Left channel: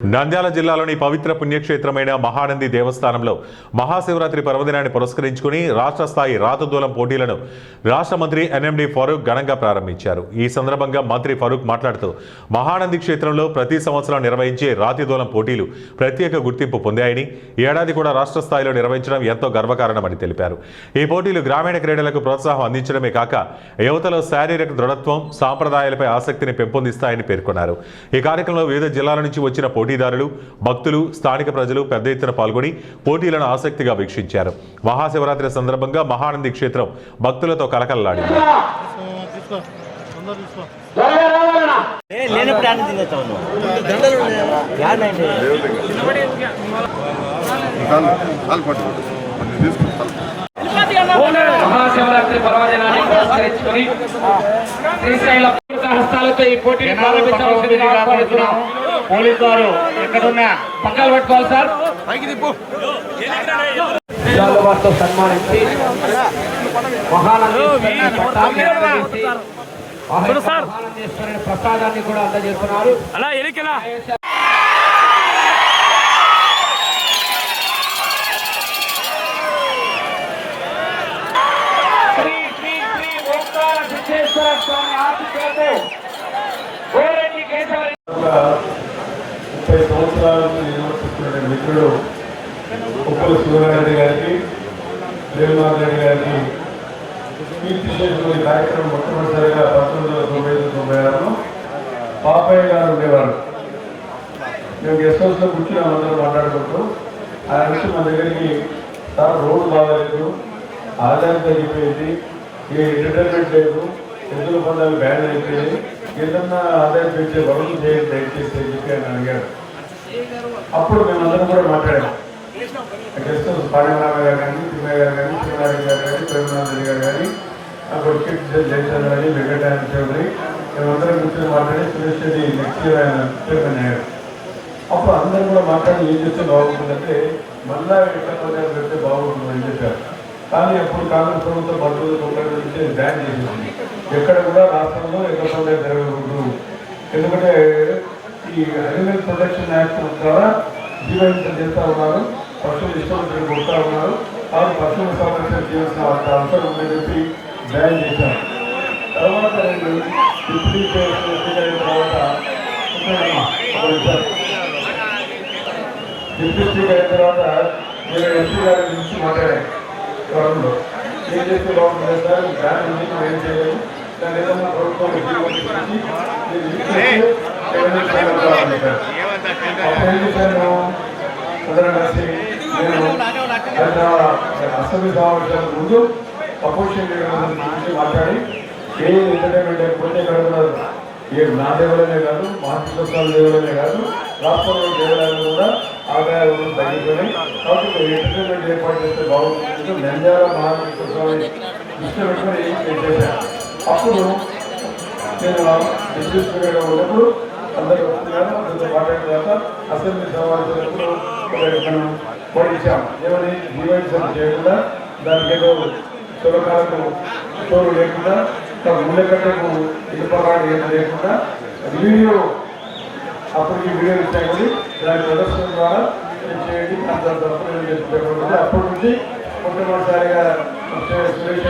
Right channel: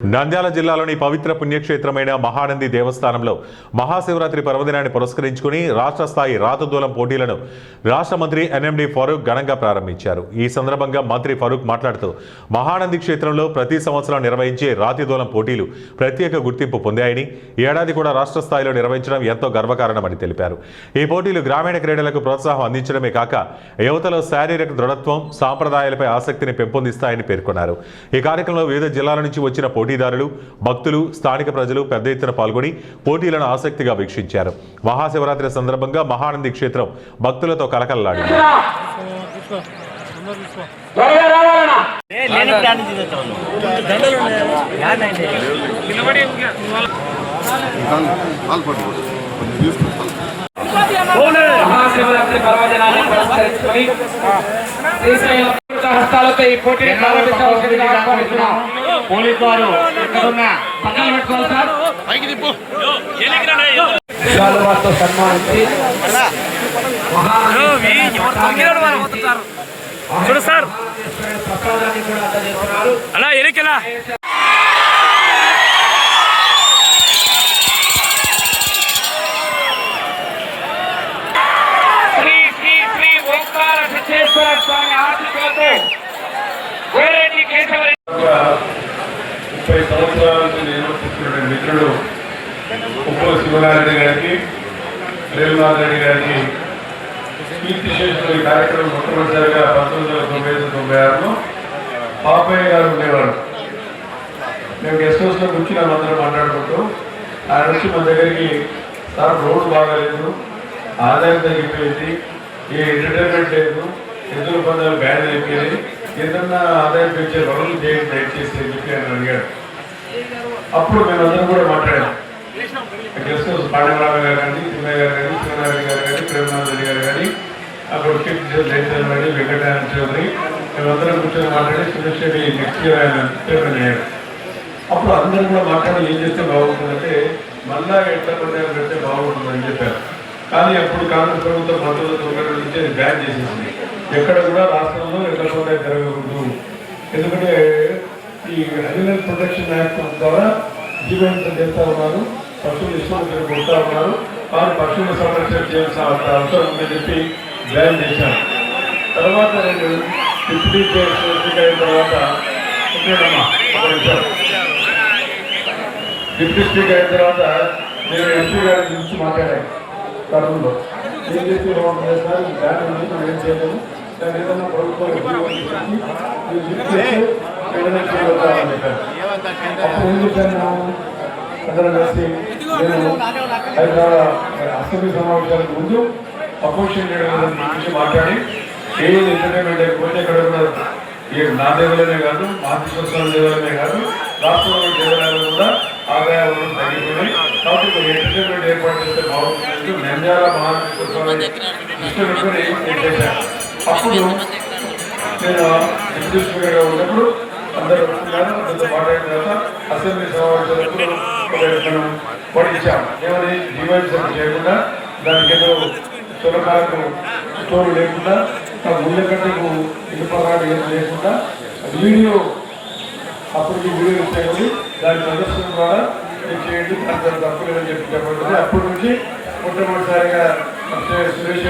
నంద్యాల జిల్లాలోని పవిత్ర పుణ్యక్షేత్రమైన మహానంది దేవస్థానంలో మహాశివరాత్రి పర్వదినాన్ని పురస్కరించుకుని రాష్ట్ర స్థాయి రాతదూలం పోటీలను రాష్ట్ర మంత్రి ఎన్ఎండి ఫరూక్ ఘనంగా ప్రారంభించారు. ఈ సందర్భంగా మంత్రి ఫరూక్ మాట్లాడుతూ మహానంది క్షేత్రంలో ప్రతి సంవత్సరం నిర్వహించే రాతిదూలం పోటీలు ప్రత్యేక గుర్తింపు పొందాయని, ఏడాది కూడా రాష్ట్ర స్థాయిలో నిర్వహించడం ఎంతో గర్వకారణమని తెలిపారు. ఈ పోటీలు గ్రామీణ క్రీడలకు ప్రోత్సాహం అందించడమే కాక యువతలో శారీరక దృఢత్వం, సాంప్రదాయాలపై ఆసక్తిని పెంపొందిస్తాయని పేర్కొన్నారు. ఈ కార్యక్రమంలో వివిధ జిల్లాల నుంచి వచ్చిన పోటీదారులు, భక్తులు, స్థానిక ప్రజలు పెద్ద ఎత్తున పాల్గొని పోటీలను ఆసక్తిగా వీక్షించారు. మహాశివరాత్రి సందర్భంగా మహానంది క్షేత్రం భక్తులతో కలకలలాడింది. మహాశివరాత్రి పర్వదినాన్ని పురస్కరించుకొని హస్తాలతో ఈ పోటీని ప్రారంభించవలసిందిగా ఆహ్వానిస్తున్నాం. పోలీసు వారు ఎక్కడున్న పక్కన పెట్టుకోవాలి సార్. వారితో సన్మానించి ప్రసాదాన్ని కూడా అందజేస్తున్నారు. శ్రీ శ్రీ శ్రీ ఓంకార సిద్ధేశ్వర స్వామి ఆశీస్సులతో కోరెడ్డి కేశవరి 30 సంవత్సరాల నుంచి నిర్వర్తిస్తున్న మిత్రుడు ఉప్పల శివనారెడ్డి గారికి, రేవునాథ్ రెడ్డి గారికి కీర్తి చేసిన ఈ కార్యక్రమం మొట్టమొదటిసారిగా 1995-96లో పాపయ్య గారు ఉండేవారు. మేము గెస్ట్ హౌస్లో కూర్చుని అందరం మాట్లాడుకుంటూ ఆయన నుంచి మా దగ్గరికి సార్ రోడ్డు బాగాలేదు, ఆదాయం తగ్గిపోయింది, ఏ ఎంటర్టైన్మెంట్ లేదు, ఎదురు పదాలు బ్యాన్ అయిపోయింది, ఏదన్నా ఆదాయం పెంచే రోజులు చేయండి దయచేసి అని చెప్పి ఆయన అడిగాడు. అప్పుడు మేమందరం కూడా మాట్లాడాం. గెస్ట్ హౌస్ పాండవరావు గారు కానీ, తిమ్మయ్య గారు కానీ, శివనారాయణ గారు కానీ, రేవునాథ్ రెడ్డి గారు కానీ, అప్పుడు కీర్తి జయచంద్ర గారి, వెంకటరాయణ చౌదరి, మేమందరం కూర్చొని మాట్లాడి సురేష్రెడ్డి నెక్స్ట్ ఇయర్ ఆయన చైర్మన్ అయ్యారు. అప్పుడు అందరూ కూడా మాట్లాడి ఏం చేస్తే బాగుంటుందంటే మళ్ళా ఎట్లా పర్యాలు పెడితే బాగుంటుందని చెప్పారు. కానీ అప్పుడు కాంగ్రెస్ ప్రభుత్వం 1990 నుంచి బ్యాన్ చేసేసింది. ఎక్కడ కూడా రాష్ట్రంలో ఎక్కడ జరగకూడదు. ఎందుకంటే ఈ అనిమల్ ప్రొటెక్షన్ యాక్ట్ ద్వారా జీవహింస చేస్తూ ఉన్నారు, పశువులు ఇష్టం కొడుతూ ఉన్నారు, వారు పశువులు సంరక్షణ చేయాల్సిన అవసరం ఉందని చెప్పి బ్యాన్ చేశారు. తర్వాత నేను డిప్యూటీ స్పీకర్ అయిన తర్వాత డిప్యూటీ స్పీకర్ అయిన తర్వాత నేను ఎంపీ గారి గురించి మాట్లాడాను. కడంలో ఏం చేస్తే బాగుంటుంది సార్, బ్యాన్ ఉంది, మనం ఏం చేయలేదు, దాని ఏదన్నా ప్రభుత్వం ఉద్యోగం ఏం చేశాను మేము అందరం కలిసి నేను అసెంబ్లీ సమావేశాలకు ముందు అపోజిషన్ గురించి మాట్లాడి ఏ ఎంటర్టైన్మెంట్ లేకపోతే ఇక్కడ కూడా నా దేవాలయమే కాదు, మహాశివస్వామి దేవాలయమే కాదు, రాష్ట్రంలో దేవాలయాలు కూడా ఆదాయాలు తగ్గిపోయి కాబట్టి ఎంటర్టైన్మెంట్ ఏర్పాటు చేస్తే బాగుంటుంది. నంద్యాల మహాశివస్వామి దృష్టి పెట్టుకుని చేశాను. అప్పుడు నేను డిప్యూటీ స్పీకర్గా ఉన్నప్పుడు అందరూ వస్తున్నారు, అందరితో మాట్లాడిన తర్వాత అసెంబ్లీ సమావేశాలకు పొడిచాం. ఏమని జీవహింస చేయకుండా, దానికి ఏదో సులభాలకు స్టోర్ లేకుండా, ముందుకట్టకు ఇల్లుపరాలు ఏం లేకుండా వీడియో అప్పటికి వీడియో ఇచ్చాయి, దాని ప్రదర్శన ద్వారా చేయండి, దాని తప్పులు చెప్పడం. అప్పటి నుంచి మొట్టమొదటిసారిగా సురేష్